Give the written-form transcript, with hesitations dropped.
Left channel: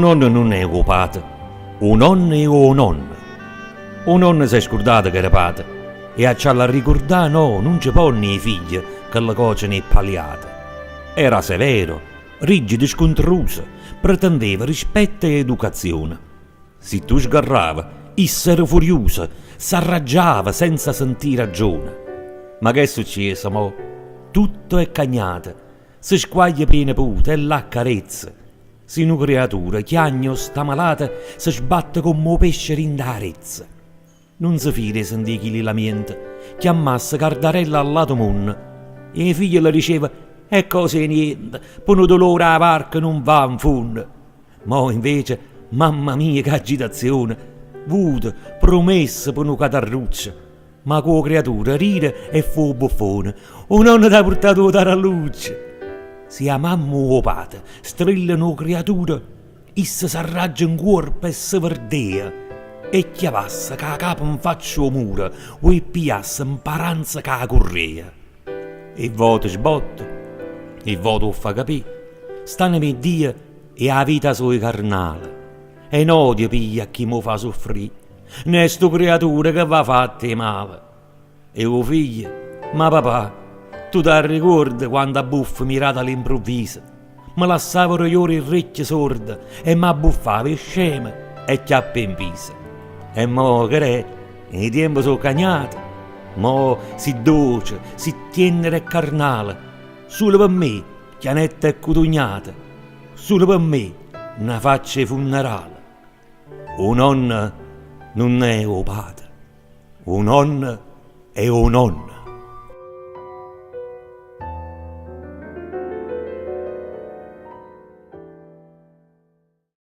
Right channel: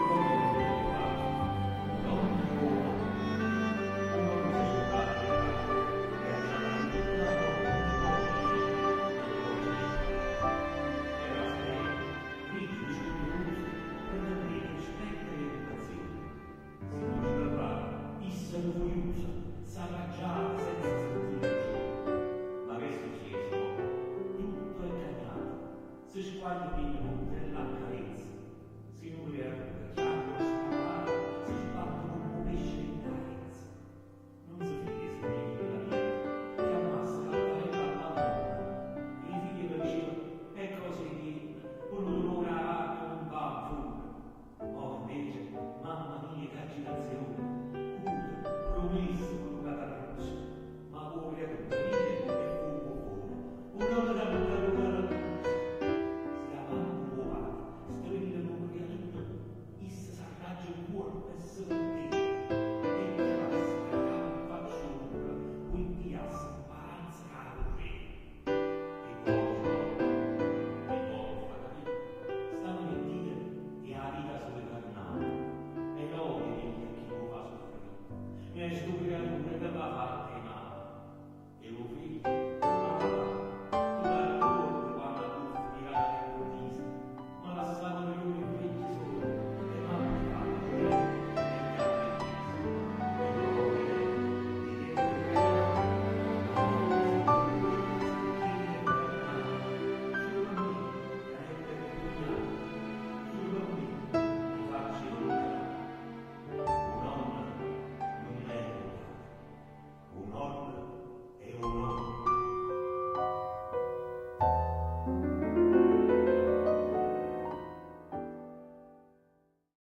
Un nonno non è un padre, un nonno è un nonno. Un nonno si è scordato che era padre e a ciò la ricordare no, non ci ponne i figli che la cosa ne è palliata. Era severo, rigido e scontroso, pretendeva rispetto e educazione. Se tu sgarrava, essere furioso, s'arraggiava senza sentire ragione. Ma che è successo, mo? Tutto è cagnato, si squaglia piena puta e la carezza. Se una creatura chiagno sta malata, si sbatte come un pesce in d'arezza. Non si fide sentire chi li lamenta, chiamasse Cardarella al lato mondo. E i figli le diceva, è cose niente, per un dolore a barca non va in fondo. Ma invece, mamma mia che agitazione, vuto, promessa per una catarruccia. Ma quella creatura ride e fu buffone, un nonno ti ha portato la taralluccia. Se a mamma o padre strillano una creatura, essa s'arraggia in corpo e si verdea. E chiavassa che a capo in faccia o mura, o e piasse in paranza che a correa. E voto sbotto, e voto fa capire, stanno me Dio e a vita sua carnale. E non odio piglia chi mo fa soffrire, né sto creatura che va fatte male. E o figlio, ma papà, tu ti ricordi quando a buffo mirata all'improvviso? Mi lasciavo io il orecchie sorde e mi abbuffava scema e chiappe in viso. E mo che è, i tempi sono cagnati, mo si dolce, si tenere e carnale, solo per me, chianetta e cotugnata, solo per me, una faccia funerale. Un nonno non è un padre, un nonno è un nonno.